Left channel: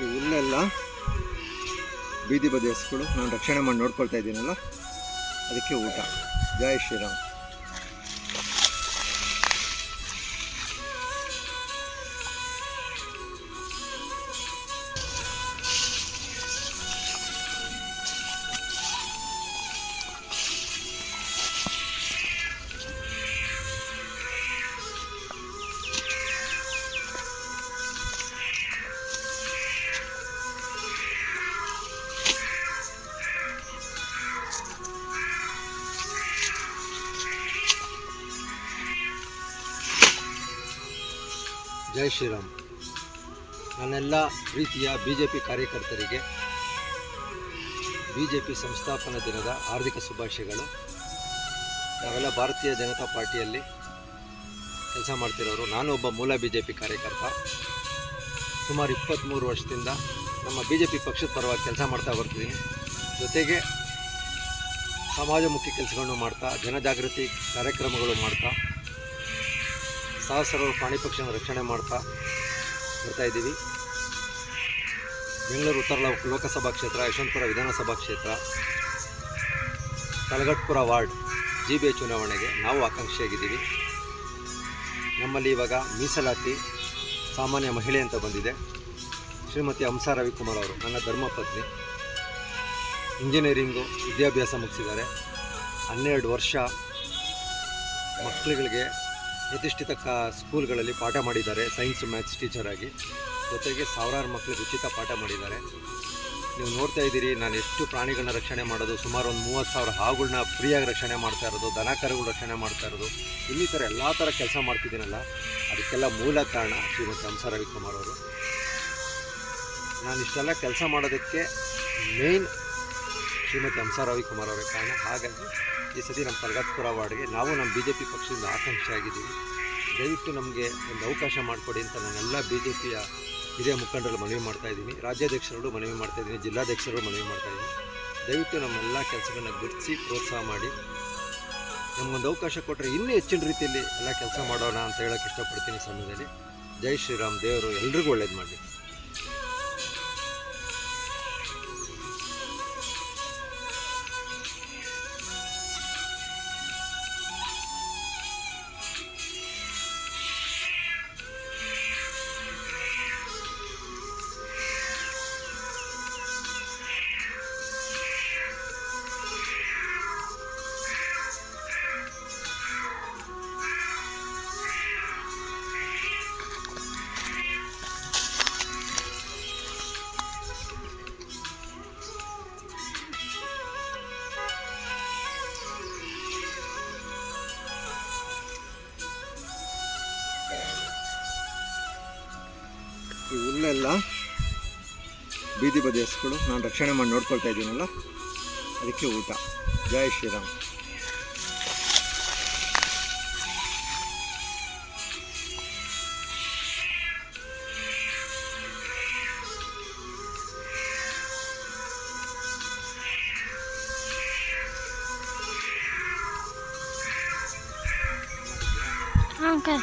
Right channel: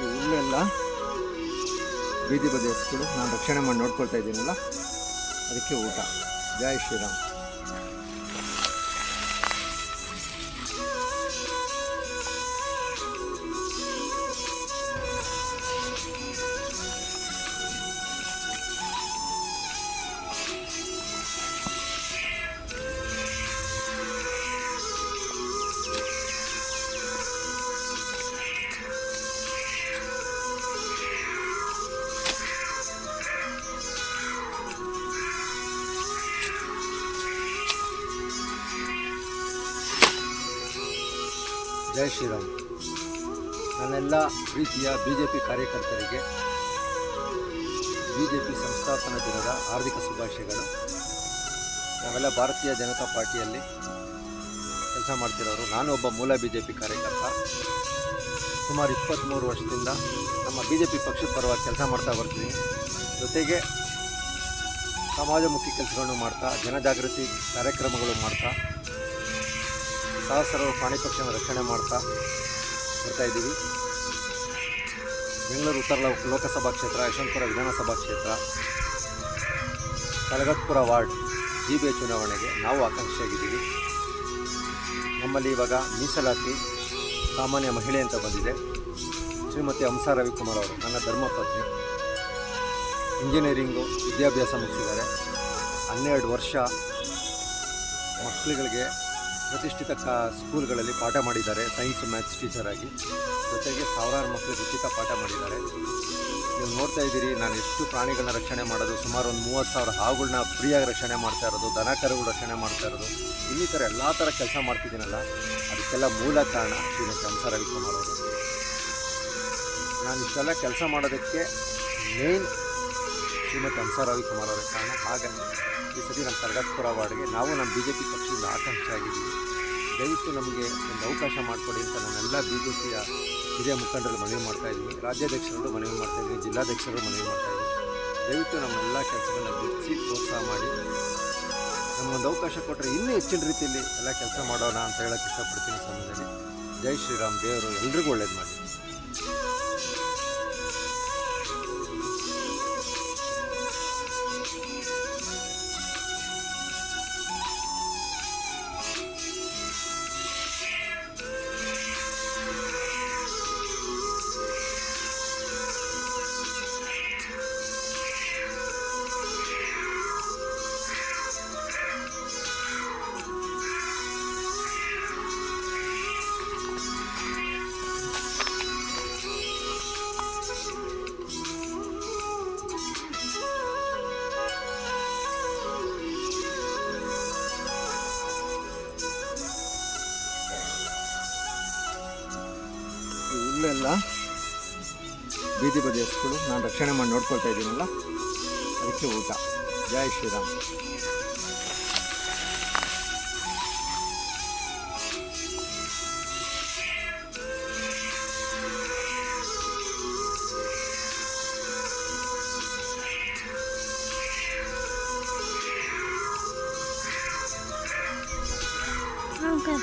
ಈ ಹುಲ್ಲೆಲ್ಲ ಬೀದಿ ಬದಿ ಹಸುಗಳು ನಾನು ರಕ್ಷಣೆ ಮಾಡಿ ನೋಡ್ಕೊಳ್ತಾ ಇದ್ದೀನಲ್ಲ, ಅದಕ್ಕೆ ಊಟ. ಜೈ ಶ್ರೀರಾಮ್. ಜೈ ಶ್ರೀರಾಮ್. ನನ್ನೆಲ್ಲ ಪ್ರೀತಿಯ BJP ಕಾರ್ಯಕರ್ತರಿಗೆ BJP ಸಂಸ್ಥಾಪನಾ ದಿನದ ಹಾರ್ದಿಕ ಶುಭಾಶಯಗಳು. ನಾವೆಲ್ಲ ಭಾರತೀಯ ಜನತಾ ಪಾರ್ಟಿಯಲ್ಲಿ ಕೆಲಸ ಮಾಡ್ತಿರೋರು. ನಾನು ಒಬ್ಬ ಮೂಲ BJP ಕಾರ್ಯಕರ್ತ. ಸುಮಾರು 23 ವರ್ಷದಿಂದ ನಮ್ಮ BJP ಪಕ್ಷದ ಪರವಾಗಿ ಕೆಲಸ ಮಾಡ್ತಾ ಬರ್ತೀನಿ. ಜೊತೆಗೆ ಸಮಾಜಮುಖಿ ಕೆಲಸಗಳನ್ನು ಮಾಡ್ತಾ, ಜನಜಾಗೃತಿ ಕಾರ್ಯಕ್ರಮಗಳು ಮಾಡ್ತಾ, ಸಹಸ್ರಾರು ಪ್ರಾಣಿ ಪಕ್ಷಿಯನ್ನು ರಕ್ಷಣೆ ಮಾಡ್ತಾ ಬರ್ತಾಯಿದ್ದೀವಿ. ಬೆಂಗಳೂರು ಉತ್ತರ ಲೋಕಸಭಾ ಕ್ಷೇತ್ರ, ಯಶವಂತಪುರ ವಿಧಾನಸಭಾ ಕ್ಷೇತ್ರ, ತಲಗಟ್ಪುರ ವಾರ್ಡ್ GBA ಚುನಾವಣೆಗೆ ನಾವು ಆಕಾಂಕ್ಷಿಯಾಗಿದ್ದೀವಿ. ನಮ್ಮಲ್ಲಿ ಇವಾಗ ಮೀಸಲಾತಿ ಸಾಮಾನ್ಯ ಮಹಿಳೆ ಅಂತ ಬಂದಿದೆ. ಶ್ರೀಮತಿ ಹಂಸಾ ರವಿಕುಮಾರ್ ಅವರು ನನ್ನ ಧರ್ಮಪತ್ನಿ. ಇಂಜಿನಿಯರಿಂಗು ವಿದ್ಯಾಭ್ಯಾಸ ಮುಗಿಸಿದ್ದಾರೆ. 12 ವರ್ಷ ಮಕ್ಕಳುಗಳಿಗೆ ಪ್ರತಿಷ್ಠಿತ ಸ್ಕೂಲ್ಗಳಲ್ಲಿ ಪಾಠ ಮಾಡಿದ್ದಾರೆ, ಸೈನ್ಸ್ ಮ್ಯಾಥ್ಸ್ ಟೀಚರಾಗಿ. ಜೊತೆಗೆ ಸಾವಿರಾರು ಮಕ್ಕಳಿಗೆ ಉಚಿತ ಪಾಠ ಮಾಡಿದ್ದಾರೆ. ನೀವು ನೋಡ್ತಾ ಇದ್ದೀರಿ ನಾನು ಎಷ್ಟು ಪ್ರಾಣಿಗಳನ್ನ ರಕ್ಷಣೆ ಮಾಡೋದು. ಸುಮಾರು ಒಂದು 30,000 ಹಾವುಗಳನ್ನ ಫ್ರೀಯಾಗಿ ರಕ್ಷಣೆ ಮಾಡ್ತಾ ಇರೋದು, ದನ ಕರುಗಳು ರಕ್ಷಣೆ ಮಾಡ್ತಾ ಇರೋದು, ಇನ್ನಿತರ ಎಲ್ಲ ಥರ ಕೆಲಸ ಮಾಡ್ತಿದ್ದೀನಲ್ಲ, ಅದಕ್ಕೆಲ್ಲ ಮೂಲ ಕಾರಣ ಶ್ರೀಮತಿ ಹಂಸಾ ರವಿಕುಮಾರ್ ಅವರು. ನಾನು ಇಷ್ಟೆಲ್ಲ ಕೆಲಸ ಮಾಡೋದಕ್ಕೆ ಮೇನ್ ಶ್ರೀಮತಿ ಹಂಸಾ ರವಿಕುಮಾರ್ ಅವರೇ ಕಾರಣ. ಹಾಗಾಗಿ ಈ ಸತಿ ನಮ್ಮ ತಲಗಟ್ಪುರ ವಾರ್ಡ್ಗೆ ನಾವು ನಮ್ಮ BJP ಪಕ್ಷದಿಂದ ಆಕಾಂಕ್ಷಿಯಾಗಿದ್ದೀವಿ. ದಯವಿಟ್ಟು ನಮಗೆ ಒಂದು ಅವಕಾಶ ಮಾಡಿಕೊಡಿ ಅಂತ ನಾನೆಲ್ಲ BJPಯ ಹಿರಿಯ ಮುಖಂಡರು ಮನವಿ ಮಾಡ್ತಾಯಿದ್ದೀನಿ. ರಾಜ್ಯಾಧ್ಯಕ್ಷರು ಮನವಿ ಮಾಡ್ತಾಯಿದ್ದೀನಿ, ಜಿಲ್ಲಾಧ್ಯಕ್ಷರು ಮನವಿ ಮಾಡ್ತಾಯಿದ್ದೀನಿ. ದಯವಿಟ್ಟು ನಮ್ಮೆಲ್ಲ ಕೆಲಸಗಳನ್ನ ಗುರುತಿಸಿ ಪ್ರೋತ್ಸಾಹ ಮಾಡಿ ನಮಗೊಂದು ಅವಕಾಶ ಕೊಟ್ಟರೆ ಇನ್ನೂ ಹೆಚ್ಚಿನ ರೀತಿಯಲ್ಲಿ ಎಲ್ಲ ಕೆಲಸ ಮಾಡೋಣ ಅಂತ ಹೇಳೋಕ್ಕೆ ಇಷ್ಟಪಡ್ತೀನಿ ಸಮಯದಲ್ಲಿ. ಜೈ ಶ್ರೀರಾಮ್. ದೇವರು ಎಲ್ರಿಗೂ ಒಳ್ಳೇದು ಮಾಡಲಿ. ಈ ಹುಲ್ಲೆಲ್ಲ ಬೀದಿ ಬದಿ ಹಸುಗಳು ನಾನು ರಕ್ಷಣೆ ಮಾಡಿ ನೋಡ್ಕೊಳ್ತಾ ಇದ್ದೀನಲ್ಲ, ಅದಕ್ಕೆ ಊಟ. ಜೈ ಶ್ರೀರಾಮ್. Okay.